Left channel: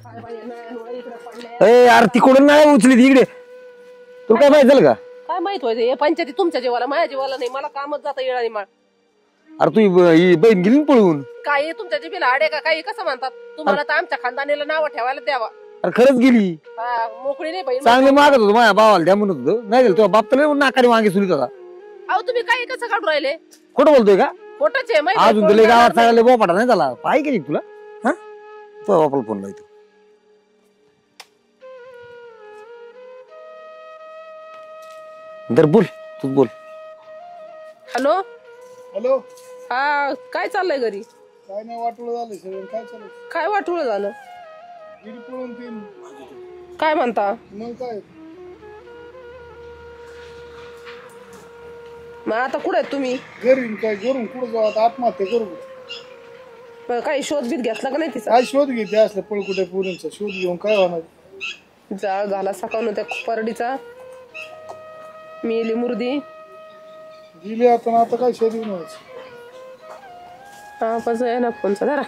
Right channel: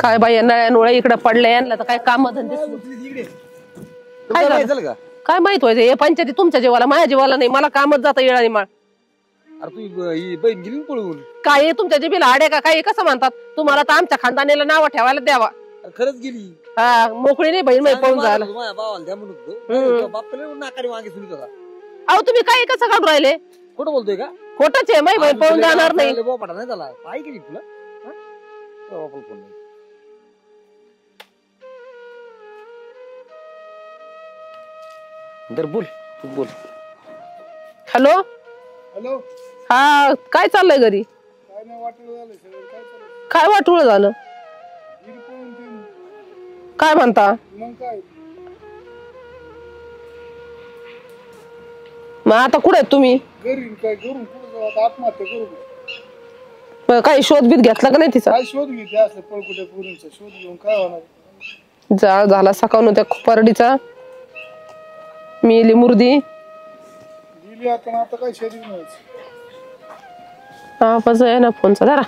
काय बाई नळ्या इकडे पडले तिकडून नाही उचली इकडे तुला काय माहित झालं का काय माहित व्हायचं हे पंचायती तुमच्या जीवाला माझ्या जीवाला नाही मला कामच जातं येळा माळ अरे तू ही बहीण गेली पळून काय तुमच्या जिबीला आडे का काय कसं म्हणतात तुम्हाला तर आमच्या खानदानीला नाव ठेवायला द्यावा अरे खरंच गेली हा मोकळी नाही बहीण मागत होतो माझ्या भावाला द्या म्हणत होतो नाही तुझ्या बाप तर नाकाने वांगे सुनीत होता अहो तुम्ही काय कसं काढून राहिले खोटं बोलतोय का खोटच आहे बोपाटा नाही झाला पाय गेली तुला हा तो बापाला फोन लावतो बोल तू बोल हॅलो हॅलो हा काय चाललंय घरी काय नाही वाटलं झालं सगळं काय चालू काय वाटोळ झालं गिरी पळून तीन काय म्हणता मग काय मग आता कुठे आहेत तुम्ही घरी काय करून कुठं जाऊ आता आत्महत्या करू मग काही शोध बीत घेतला का नाही तिचा काय शोध घेते असलं पळकुट्या पोरींचा शोध घेऊन काय होणार जा झाला सकाळून त्या परडीचा मिली मुर्दी दिली आता आता काय शोध घेऊन आहे ना फोनचा जरा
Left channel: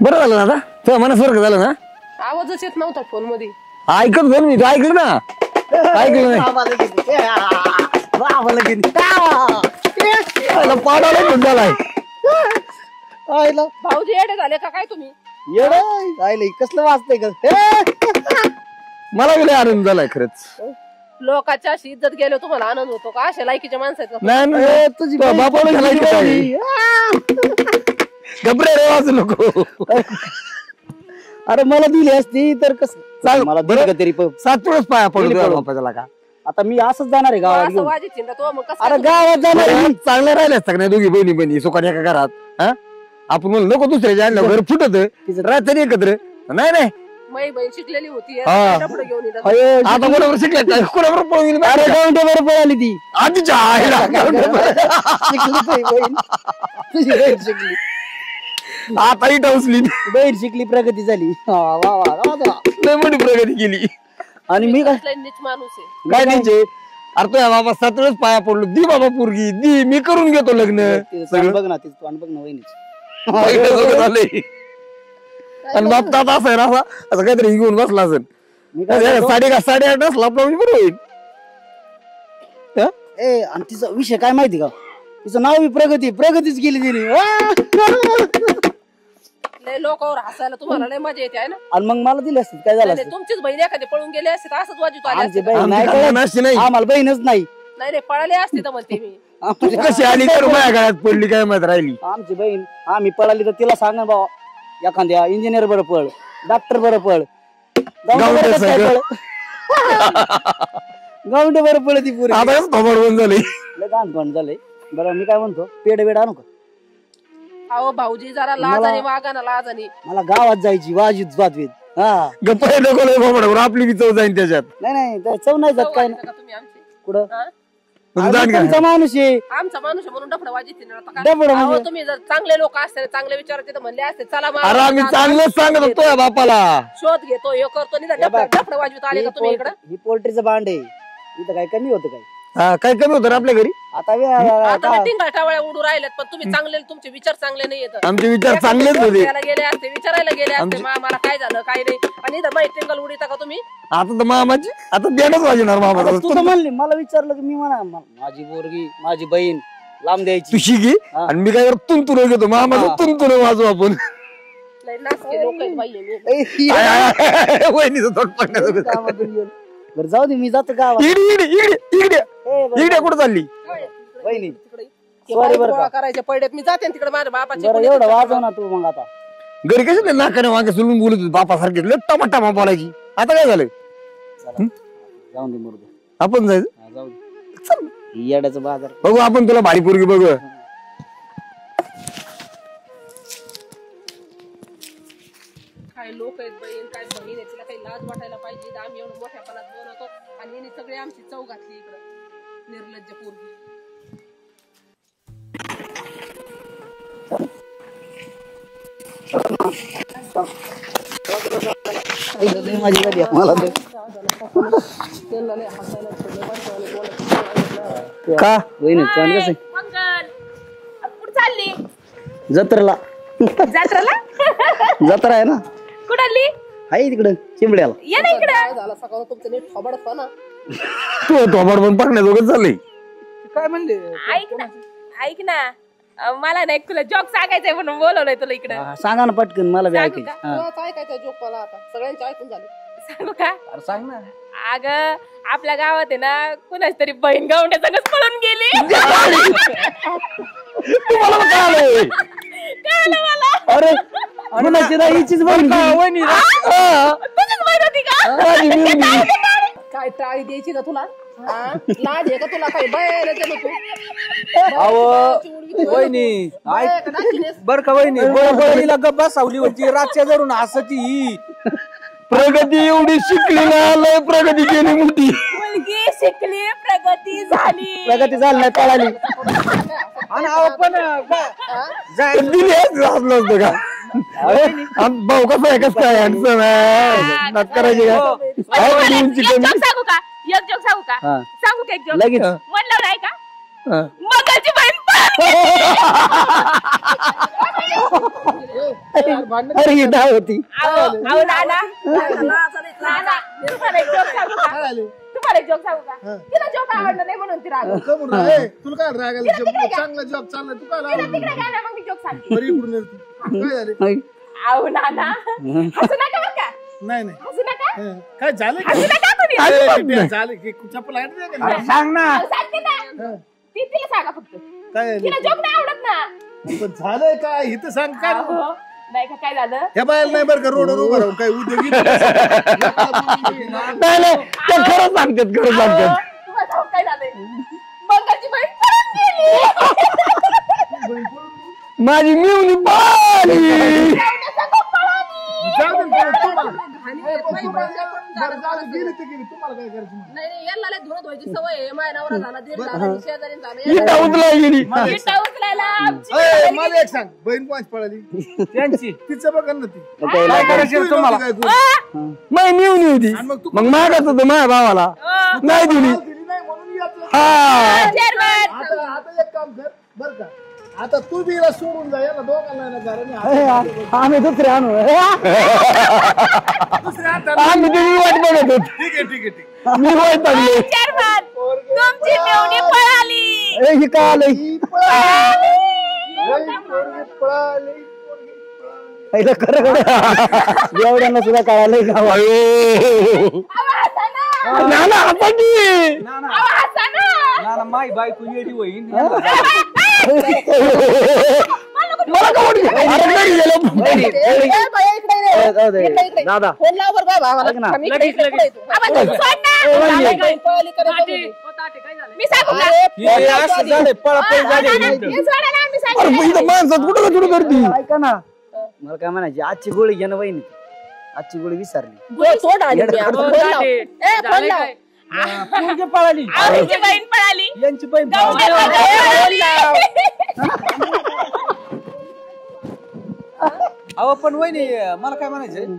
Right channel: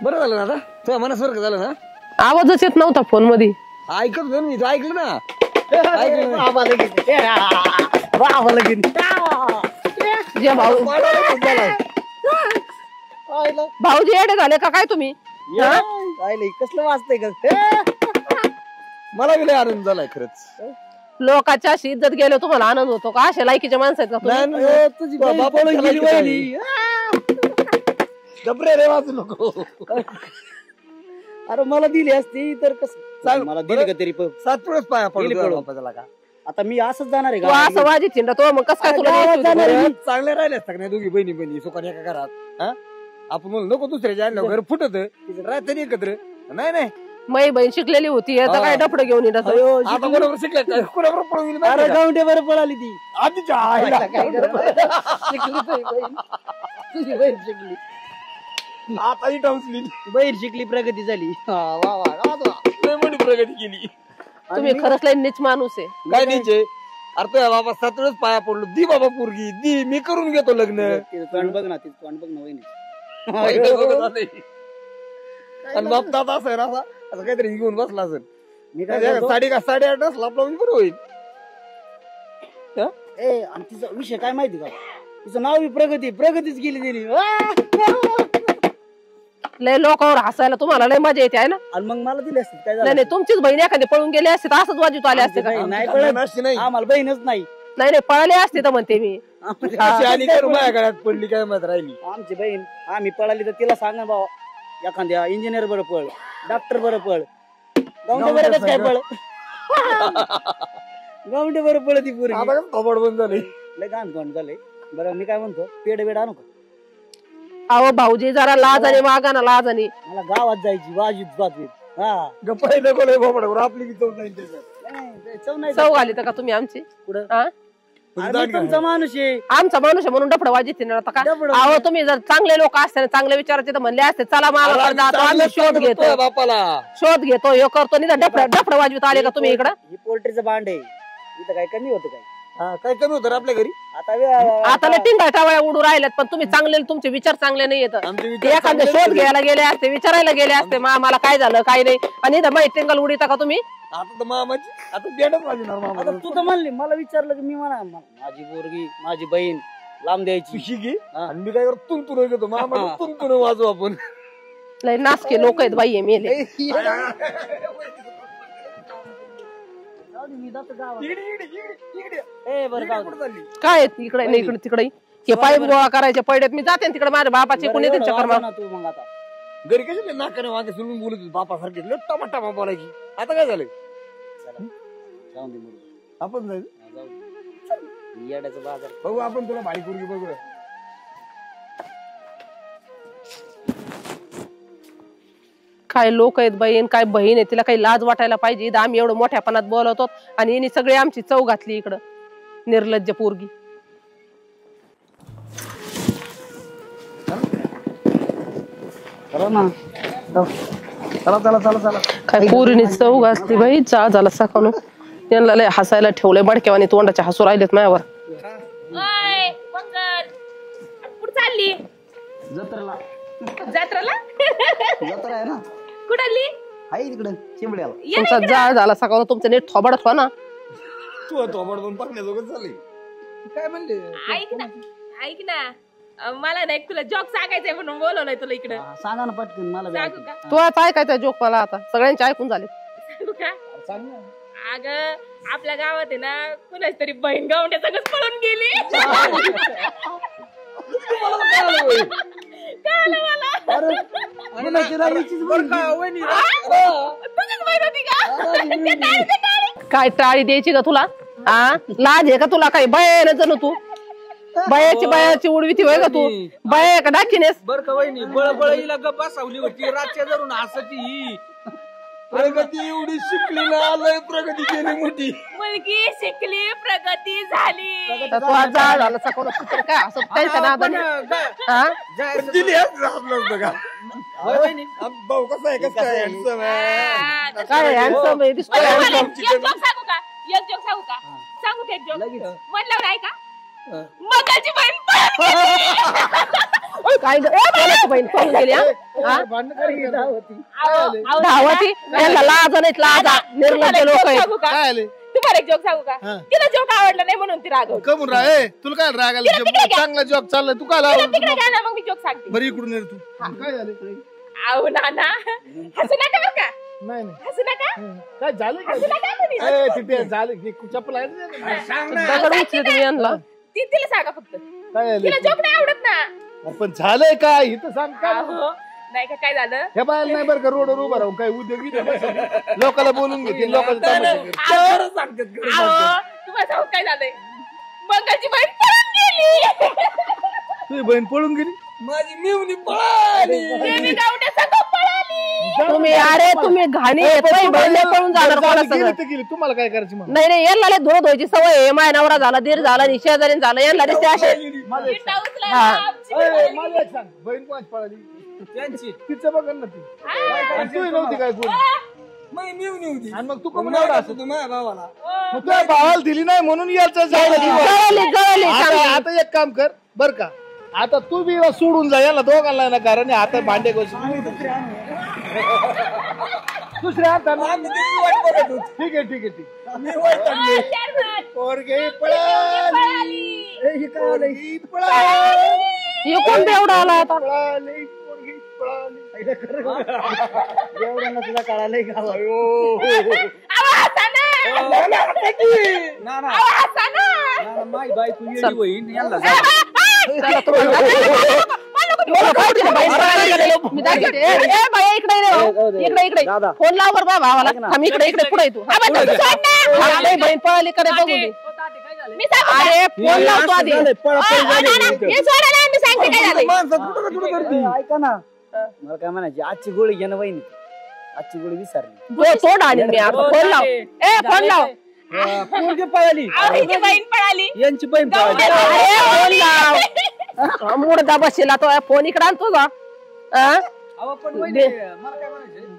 बरं झालं ना आता तुझ्या मनासारखं झालं ना आवाजच येत नव्हता फोन मध्ये ऐकत झालं मी तू ऐकलं ना ऐकलं नाही भाऊजी येडे झाले का काय तुम्ही कसलं वाचतंय का मला गेला आनंद झालाय खरंच लोकांच्या अशी इज्जत गेलं तुम्हाला आनंद होतो का अशा लायकीच्या माणसाचा घबरे रे वाचू नको अरे मला दिली असती तर कसं मला दिली का तरी सातवेळेस पाया पडलो बापाच्याला का आता मी असंच जाणार आहे असं गावात वाजी चिंडा तो मग कसं गावात जाणार आहे. चांगलं राहिले असतं का नाही दोघी बहिणी बहिणी सुखाने एका घरात हा आपण म्हणलं नको दुसऱ्याच्या आणलं घर फुटत राहते एकत्र नाही नाही मै बहीण शिकलेली होती डफडं घेऊन येतात आता कोणावर शिकले कोणावर पळून गेली अरे गावंड्यावर पळाली ती आधीच्या आईला तुझी बहीण शिकली आताही टवसली बहीण शिकली प्रगती झाली वा वा लय मोठी प्रगती केली आणि मी कसला नीच माणूस आहे काय नाही अरे तो बाबा 7 वेळेस पाया पडलो दी बाबा पोरगी दी मी करून घेतो लग्न तिचं बघ ना तिचं तोंड बघ ना वहिनीचं झालंय आणि बाप दादा असं आहे ना असं काहीतरी घेऊन बसला असेल मी काय सांगतो? 8:30 असला बरोबर होईल ए आणि तिचा विषय काय माहिती का तिचं नाव बी प्रगतीच केली तिने लय लोकांवर हसायला तुम्हाला लय मजा येते आहे ना आणि मग मला दिली असती काय झालं नाही तुमचीच बहीण एखादी पळून गेली असते तर असंच वाजूत आले असते का? नाही कळत. आम्हाला बहीणच नाही नाही पळाले असते तर म्हणते मी कशी आली तर माझ्या गळ्यात पडली काय माहित राहिली आमची बहीण आम्ही पळाली तर तिला सांगा बाबा एखाद्या इंजिनियर बरं पळ डॉक्टर बरं पळ गावंडे बरं पळ ती पुरी आता बंद झाले लय गाणपण झाले बरं मी काय म्हणतो पेड बेड आणू का अहो भाऊजी जरा लाजाने वागा ना लाजाने मला गावात जायची वाजीत वाजवीत हा गप्पा नको आपली बी चव जाईन त्याच्यात नाही चव नाही चव जात आली का तुम्ही आमची कुठं हा? तुमचा माणूस आहे आमचा माणूस आहे म्हणून डफड वाजित डफडं अहो म्हणजे? तुम्ही जर चांगले लोक असते चांगले विचारायचे तर म्हणले असते चला अरे आम्ही चांगलंच सांगत होतो बापाला शोध घेतो हे करतो नाही डफड वाजवीत आले का तुम्ही इकडं ही पोल्ट्रीचं भांड आहे इथं काय कमी होतं काय हा काय कमी होतं आपल्या घरी आता ते टिंगाय टावळ्या उडू राहिल्यात पण तुम्ही चांगले तुमचे विचार चांगले नाही येत आमचे विचार चांगलेच होते घ्यायला गेले असते विचारायला गेले असते मला काय झालं काय नाही आणि इथं माहिती टिंगल उडीता का तुम्ही आता तर मामाची आता देणंच वाजणार मामा तुझं म्हणले मला विचारलं की मी म्हणा माझी पोरगी माझी बहीण लांब द्यायची तू शिकी आणि मी काय तुंतुर घेतो मामा तुंतुर वाजू आपण लय नासके लोक आहेत बाई मेले वहिनीचं तोंड पडण्याचं बरं जाऊ दे मी जातो गावात इकडे कुठं चालली काय इकडे नाही इकडे तिकडे हे पाय गोळा करायचे पडल्यात मी जाते तिकडे माझ्या बापाचे कोणी एवढं वाजव ना तू मग आता घरी कशी नाकाने वांगे सोडून बोलत होते बापासारखे टमाटा बोलायची आता काय झालंय जाऊन दे मुर्ग आपण जायचं जाऊ दे येड्याचा बाजार बघू आपण तुला भारी पोरगी बघू काय लोक आहेत बहीण काय बहीण आहे तिला काही लाज वाटायला पाहिजे आम्ही एवढं मोठ्यापणात बोलवतो आणि हिने सगळी आमची चव घातली इकडं निर्लज्ज पोरगी काय पोरीने चव घातली बाई चहा झाला सकाळून त्यांना लय हसायला ठेवलंय बडक्यावाने तोंडाच्या हसू राहिलेत माझ्यावर का वहिनी तोंड कसं कुठं चालली जत्रेला जत्रेला जत्रा आहे ना कुठाली आहे तिकडं चिंबड्याला. तुमचा जाळ झाला सकाळ तुमचं नीट थोबाडत हो ना. तू थोबाड पण पाकण्याजोगं चाललंय. काय म्हणले ऐक ना मला ना एक तुला जॉक सांगायचंय म्हणून बोलवलंय तुला इकडे. सांगा ना पटकन मला बी सांगू ऐकायचं. तू आता ऐकायचा जोक मला आता सगळ्यांचे ऐकून झाले. सांगू का? सांग ना. अगं आपल्या गावात आहे ना कुणाच तरी बहीण गावंड्या सगळं पळून गेली. तुम्हाला काय आलंय? कळालं मला. अरे कुणाची नाही हिचीच बहीण गेली. तुझीच बहीण होती का? काय टाळी द्यायची का तुला? हा लाज आहे का तुला? काही बयाला गेलो तू बायाची उडवी ती का तू बाया का दाखिनेस? बर का वहिनी बळबळीला गप्पा सावली होती रातच्या धरून हसती ही. प्रगती एवढी शिकलेली आलंय, प्रगती केली मोठी. मुलगी शिकली प्रगती झाली. प्रगती झाली पळाली. काय असं त्यांच्या नादाने? हा? दिली असलं असतं का? भाऊ कसा आहे कसं काय handsome आहे. काय handsome आहे? दिसतोय. एक जोक सांगू का? एक जोक सांगू का? हा. सांगू का एक जोक? लगेच. म्हणलं आहे का? हा. मगाची बहीण पळून काय गं? कोणाची बहीण पळून गेली, हा? हा? अरे ही धाव होती. धावती? यांना लाज नाहीत, लाजा. निर्लज्ज लोक आहेत. काय आले तुम्हाला एक जोक सांगू का? तिला जोक आवडला नाही म्हणून ती राग. कमून राग तुला काय राग आला? चांगला जॉब चाललाय तू काय लावला? तिकडे घ्या ना मग मी जोक सांगते. बरी इकडून ये तू. काय झाले? आहो नाना हसू नका बरं का? नाही नाही हसू नका. काय झालं? हसू नका कोणी. झालं की चप्पल आहे ना? सांग ना. आता उचलू तुम्ही यांना. तिला सांगा फक्त. काय झालं? तिला जोक नाही आवडत ना. पण झालंय काय इथं सांग काय अहो, नाही का काय झालं? ह्या बायला नाही बरं का रोडवर उभं राहून काय उद्योगी लोकांना बोलून घेते लोकांना. नाही, नाही, ते खरं सांगतात खरं सांगतात. तुम्हाला सांगू काय झालंय? मगाची बहीण पळून गेली. तुझी बहीण पळून गेली. माझी मिळून पाणी. गावड्या सगळं पळाली. तुम्ही घाणी आहेत, बाई, बाई, लय पळून जाणार कोणा गेली सगळं. तर गेली तुम्हाला काय करायची मग? नाही नाही यांना लय धुणं धुवायची सवय आहे. माझ्या नवरा झाला, दीर झाला, शेजारी झाला, यांना लय उठला गेली. विटा उचलायला आमची अय, बहीण मला गेली. एक सांग बहीण कोणाची पळाली? त्यांची. तिचं बघा ना ती. काय काय करायचं तुम्हाला? काय करू? नाही मिळून होती. आणि मग तू मग मागत होतं माझ्या भावाला. नाही दिली. भावाला दिली नाही म्हणून याचं झालं. आता एक काम कर बर का आता तू बी हिला सोडून जा याला दोघांना ना कारण हाते पाटे गोष्टी. आम्ही दुसरे आणू. दुसरे आणतात. आम्ही तुझी वाट बघत होतो. ठीक आहे ठीक आहे ठीक मी वाईट पडले. चेअरमन, पोरगे तुमची मेवणी पळाली. हे काय आलंय? पळाली. हे कोण बेवडा आला आता? पळाली, पोरगी पळाली. पहिलं खरं खरं एवढ्यांना सुद्धा कळालंय का? अहो, हसा ना. ना, ना, आता की. अहो, हसा ना. मला काय वाटलं? अरे, घरी गेलो. ए, बाई, इकडे ये. जाऊ दे. इकडे, इकडे. दादा. फोन लावर बा भावाला. ऐक ना. आम्ही इकडे इकडे पुढे येतो. आवाज सोड ना. पळाली, बहीण पळाली, कडे बघू दे. मी सांगू का? अरे, फोन लावतो आधी. हे सोडा ना, मी सांगते अरे, काय पण झालंय. माणसात कुठं कुठं करती? ऐका ना मला काय म्हणायची आजची गोळी घे ना वहिनी. आजची गोळी विसरली. गोळ तोड आणि मी आता फोन लाव. ए, फोन लाव. अहो, हिची बहीण पळाली. यांची बहीण गावड्या पळाली. मुडदा बसला तो फोन इकडे आणतो का? अहो पण वहिनी मला काय म्हणायचं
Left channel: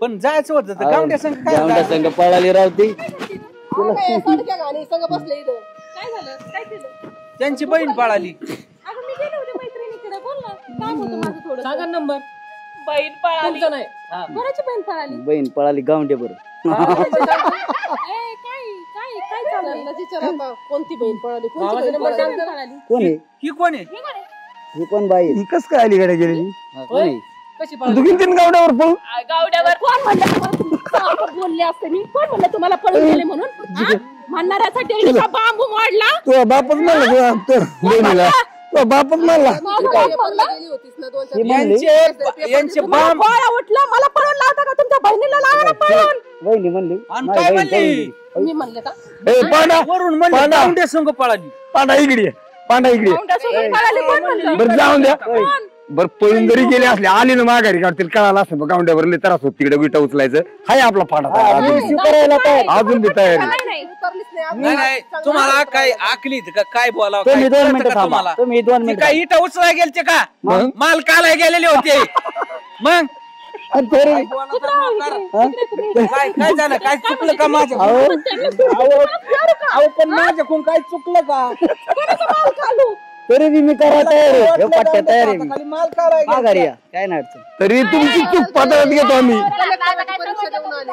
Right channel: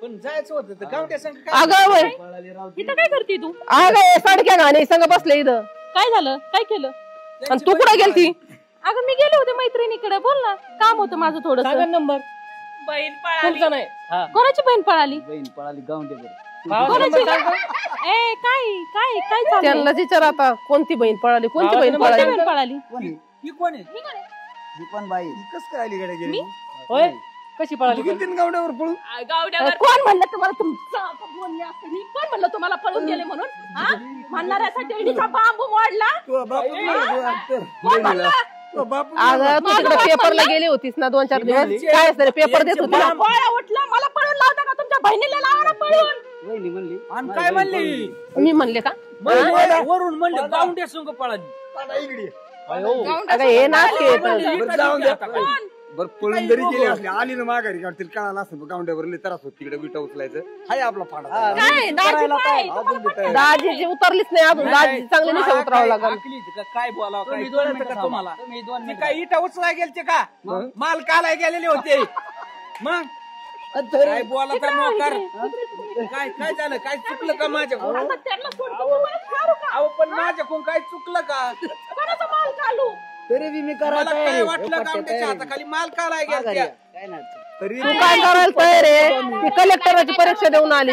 पण जायचं होतं तर गावड्या संग काय अगं, वय. पळाली रावती. काय करते तू? अगं, साडक्या गाणे संग बसले इथं. काय झालं? काय केलं? आणि तू कुठे गेलती? अगं मी गेले होते मैत्रिणीकडे. बोल ना, काम होतं माझं थोडं. नंबर. बहीण पळाली. कोणाची बहीण पळाली? बहीण पळाली गावंडे बरोबर. ए काय काय काय चाललंय? त्यांना विचार आता कोणती बहीण पळाली, कोणती बहीण कोणती पळाली? बहीण पळाली? कोण आहे? ही कोण आहे? ही कोण बाई? ही कस काय आली कडे गेली? हा, कोण आहे? कशी तू किती गावड्यावर पळून? गावड्यावर कोण म्हणलं तुम्हाला? बोलले असते मी. कोण म्हणलं तुम्हाला पळून गेले म्हणून? हा? म्हणणाऱ्यासाठी इतका बांबू मोडला. तुझा बापच म्हणला बहिणीला. तुझा बापच म्हणला. तू तिकडे पेपरला गेली होतीस ना 2-4 यांचे- दिवस. काय असतं रे, पेपर देतो मला गोळा उठला. मला पळून लावता का? तुमच्या बहिणीला लावा ना पळून. वहिनी म्हणली आणि माझी काय बहीण पळून म्हणली? गेली. मी म्हणले का? ए, पांडा, वरून म्हणलं पांडा. गावड्या संग पळाली. पांडा इकडे ये. पांडा इकडे ये. अगं, हे नाटक आहे पण. बरं जाऊन द्या. बरं पळून जरी गेले असले आली ना माघारी काढतील कळाला असं गावड्यावर लय त्रास होत तिकडे विटा उचलायचं हाय आपला पांडा अजून बी तयार आहे. दाजीची उतरलीच नाही अजून. नाही, दाजी चांगली तुम्हाला उतरावं काय लागेल. आखली का काय बोलावं तुम्ही काय 2 कळतं मिनिटं का थांबा. तुम्हाला तुम्ही 2 ते मिनिटं. काय इटा उचलाय गेलते का मग? माल कालाय गेलेले होते मग आणि तरी- काय बोला तर मोकार. काय काय झालं काय चुकलं का माझ्या अहो पण माझ्याकडून काय चुकलं का? तरी बी मी करायला मला तयार काय आहे. वाटलं ह्यो पट्ट्या गावड्याच्या तयार आहे हाताखाली मी. माल काढाय माघारी गेलते. या. काय नाही अडचण. तरी काय तुम्ही करायला पांढरा तयार आहे? घेतो आम्ही कलेक्टरची परीक्षा देऊन आली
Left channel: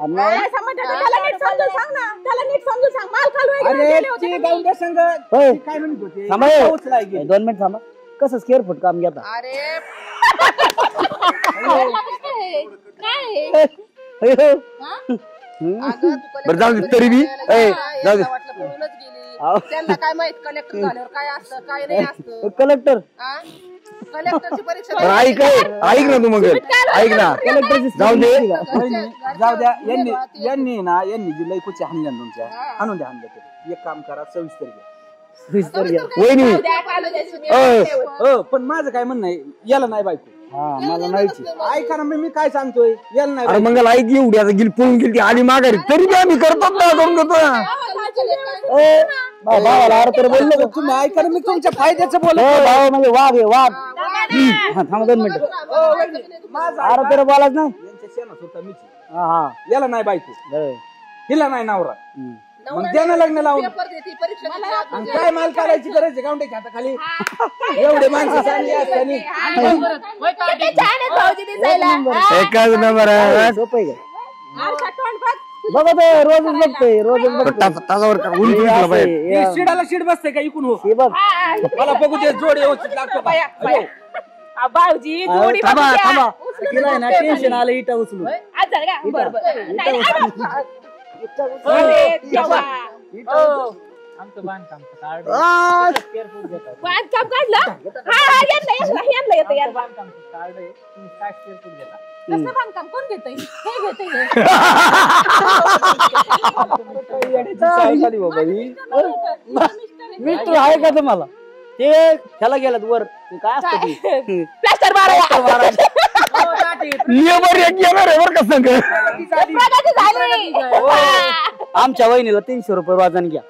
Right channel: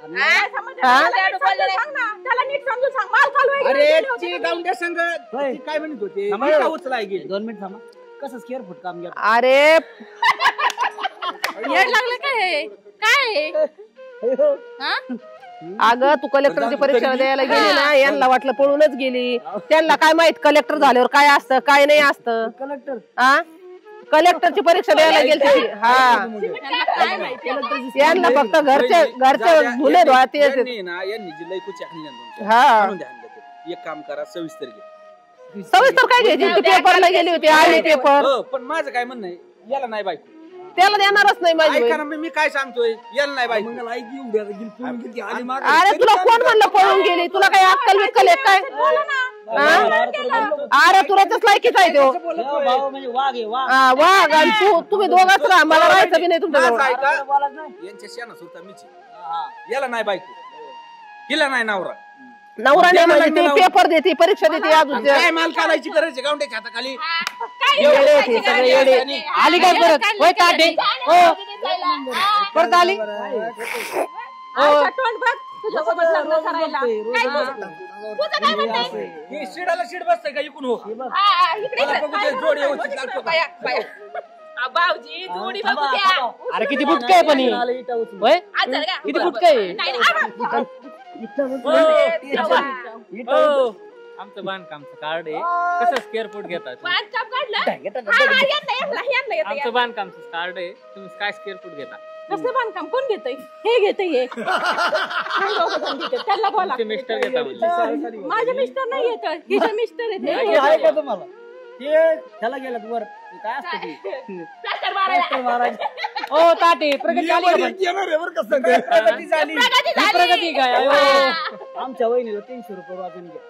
आणि काय संबंध आहे? त्याला नीट समजून सांग ना. त्याला नीट समजून सांग. माल खालू आहे अरे गेले होते ची ना गावंड्या संघ होय. काय म्हणत होते थांबा हो. उचलाय गेली. 2 मिनिट थांबा. कसं स्क्वेअर फूट काम घेता अरे वेड लागलं काय हे? काय हे? हा? अगं तू बरं, जाऊ कलेक्टरची दे, परीक्षा तरी बी- द्यायला गेली ना जाऊ दे. यांना वाटलं पळूनच गेली त्यांना काय माहित कलेक्टर झाल्यावर काय असतं काय नाही असतं कलेक्टर हा कलेक्टरची परीक्षा द्यायला ऐक गेली. ऐक ना तू मग ऐक ना कलेक्टरची यांना जाऊ दे. फक्त घरचे धुणे धुवा ते यांनी ना यांनी जी लई कुची हाणल्या तुमच्या हा. आणून द्या हाणल्या तरी. एक काम करा सविस्तर घ्या. सविस्तर काय वहिनी. नाही, पेपरला गेली होती आली पेपर हो, पण माझं काय म्हणणं आहे याला नाही बायको त्याला देणारच नाही माझी ऐका बहीण. ना मी काय सांगतोय याला नाही अरे बायको. मंगल ऐक एवढी आता गेली पळून गेली ती आली माघारी अरे तरी तुला बी आम्ही कोण करतो म्हणलं ना, पळून गेली? तुला काय अक्कल बिक्कल आहे काय अरे तर बोललो का? अरे तुला कसं काय किती आहे तो? भाऊ म्हणजे वाघ आहे वाघ हा, वाघ, तुम्ही दोघंच राहा मला राहायचं बी नाही तुमच्याजवळ अरे तर बोलाच नाही यांच्या शेणास होता मीची हा हा याला नाही बायको बरं. हिला नाही नवरा नवरा द्या नाही मला म्हणत, लावून. ती पेपर देते परीक्षा देते अजून काय माल काढायची गरज आहे गावंड्याच्या हाताखाली काय एवढे करायचं? माणसं काय सगळे करायचं? आणि आली हा, काय परत? काय होय, करायचं? ताटी. छान आहे भाऊजी दिसायला. हा, एकच नंबर आहे. सोपं आहे का? ऐका तोंड बघ. बघतोय रोजच बघतोय रोजच बघतोय तासावर का? उंच उंचला पाहिजे. ही शिडाला शिड बसते का इकून हो हे बघ हा, इकडे मला बघू दे जोड व्यवस्थित लागतो का? बाया, बाया. आ, भाऊजी जोडी थांबा बघू द्या. थांबा अरे किती नाही, बुटके नाही, आहे पण ही. टेन्शन आलं इटा उचलून. होय? आज झालं का? किती बरं, बुटके आहे? बरं. नाही, नाही, आ, इटा उचलून. अरे, देवा. आमचं बांधकामचं कार्ड आ, कसं स्क्वेअर फूट घेतात बांधकाम काढलं? हा, हा, यांना येतं. आमचं बांधकामचं कार्ड आहे तुम्ही काय स्क्वेअर फूट घेता कसलं बांधकाम कोण घेतंय? हे घेतंय हे. आमचे मिस्टर घेता म्हणजे. सावधानी बाबा माझे ही. मिस्टर नाही येतं. हिचे मिस्टर आहेत. हे आहे का तुम्हाला ते त्याला गेलात वर ते काय असतं ते प्लास्टर मारायला. हो, ताटी. नियमावर एक येणार आहे बरं का संग. प्रगती झाली. प्रगती झाली. वा. आमच्या वहिनीला 300 रुपये वाजन घ्या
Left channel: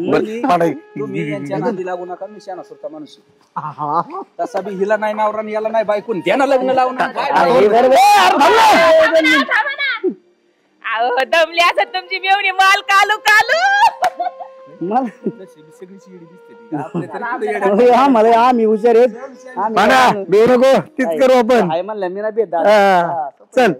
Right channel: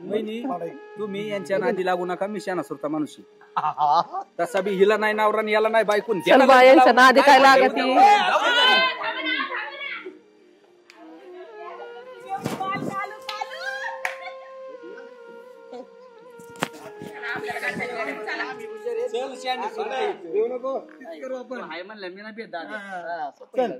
बरं, पाडाय. तुम्ही यांच्या नादी लागू नका मी शाना सुरता माणूस आहे. तसा बी हिला नाही नवरा आणि याला नाही बायकून यांच्या नादी काय हे लागलं? बरोबर. अहो, दमली असं तुमची मेवणी माल कालू कालू. मला आम्हाला आम्ही हुशार आहेत पाडा, बेऊ नको तीच करू आपण आहे म्हणलं मी नाही भेट हा, चल